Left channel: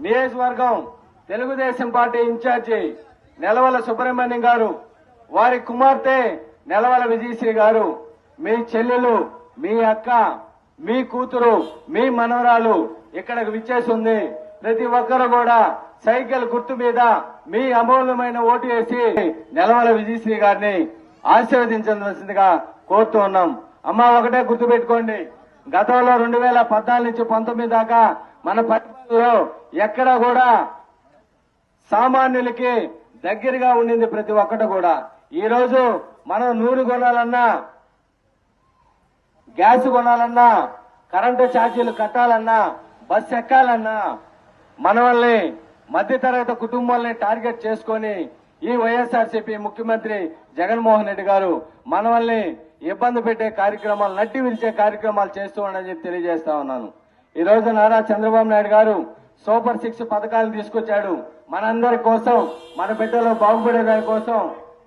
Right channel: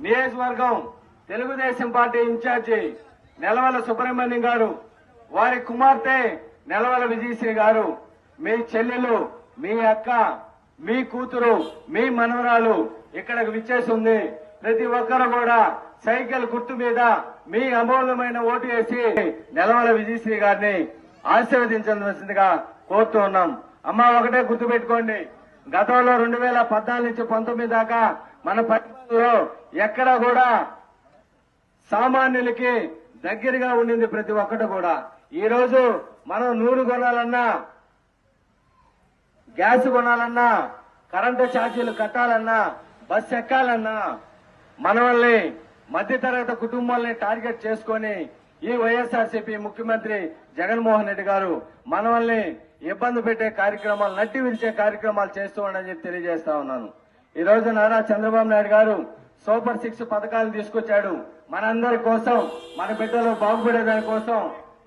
నియోజకవర్గం Telugu Desam party incharge Nelavala Subrahmanyam గారు వారి కుమార్తె నెలవల విజయశ్రీ గారు మీ చెల్లెలు మీ అక్క మీ కూతురు మీ మనవరాలు ఇక్కడకు విచ్చేసి ఉంది ప్రతి ఒక్కరు కూడా సైకిల్ గుర్తు మీద మీ అమూల్యమైన ఓటు వేసి నెలవల విజయశ్రీ గారిని ఆశీర్వదించవలసిందిగా కోరుతూ ఉన్నాం. అమ్మ ఒకటే గుర్తు పెట్టుకోండి గతంలో రెండు వేల పద్నాలుగు నుంచి పంతొమ్మిది దాకా మన పరిపాలనలో ఎక్కడ కూడా సామాన్యులకి దగ్గరగా ఉండింది ప్రతి ఒక్కటి కూడా. ఈ రోజు మనం నూనె కొనాలన్నా గ్యాస్ కొనాలన్నా కరెంటు ఛార్జీలు కట్టాలన్నా బస్ ఎక్కాలన్నా మనవల్ని మధ్యతరగతి కుటుంబాలని టార్గెట్ చేసుకొని ఈ వైఎస్ఆర్సీపీ ముఖ్యమంత్రి జగన్మోహన్ రెడ్డి గారు మనవల్ని ఇబ్బంది పెట్టే కార్యక్రమాలు నట్టి విరిచే కార్యక్రమాలు చేస్తూ ఉండని చెప్పి తెలియజేస్తా ఉన్నాను. ఈ రోజు నారా చంద్రబాబు నాయుడు గారు సూపర్ సిక్స్ పథకాలు తీసుకొచ్చాడు. మనందరి కోసం మన బిడ్డలు బాగుపడే దాని కోసం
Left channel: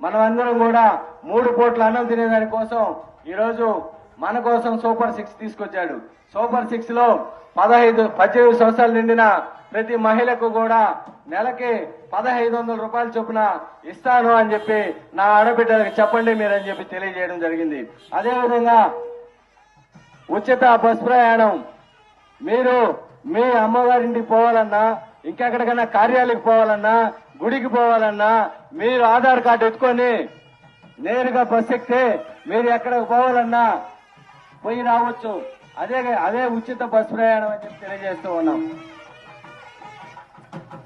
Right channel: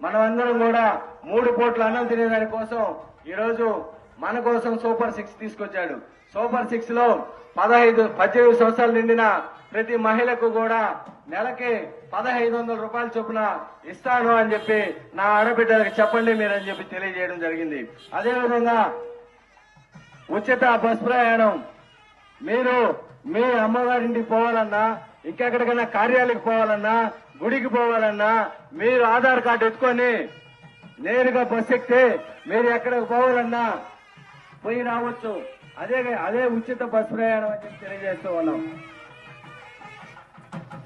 మనమందరం కూడా మూడు పూట్ల అన్నం తినేదాని కోసం ఈరోజు మన కోసం సూపర్ సిక్స్ తీసుకొచ్చాడు. సూపర్ సిక్స్లో పదహైదు పద్దెనిమిది సంవత్సరాలు నిండిన ప్రతి మహిళకు కూడా నెలకి పదహైదు వందల రూపాయల చొప్పున ఇస్తాను అని చెప్పి నా ఆడబిడ్డలకు చెప్పండి మీరని చెప్పి తెలియజేయడం జరిగింది. అదేవిధంగా ఉచిత బస్ ప్రయాణం మీరు మీ అమ్మవారింటికి పోవాలన్నా ఇంకెక్కడికైనా కార్యాలయకి పోవాలన్నా గుడికి పోవాలన్నా మీరు ఆధార్ కార్డు ఎత్తుకొని నేరుగా బస్ ఎక్కితే మీరు ఎక్కడికి పోవాలన్నా పోయి రావచ్చు. అదే అదే ఉచిత బస్ ప్రయాణం అని చెప్పి తెలియజేస్తూ ఉన్నాం.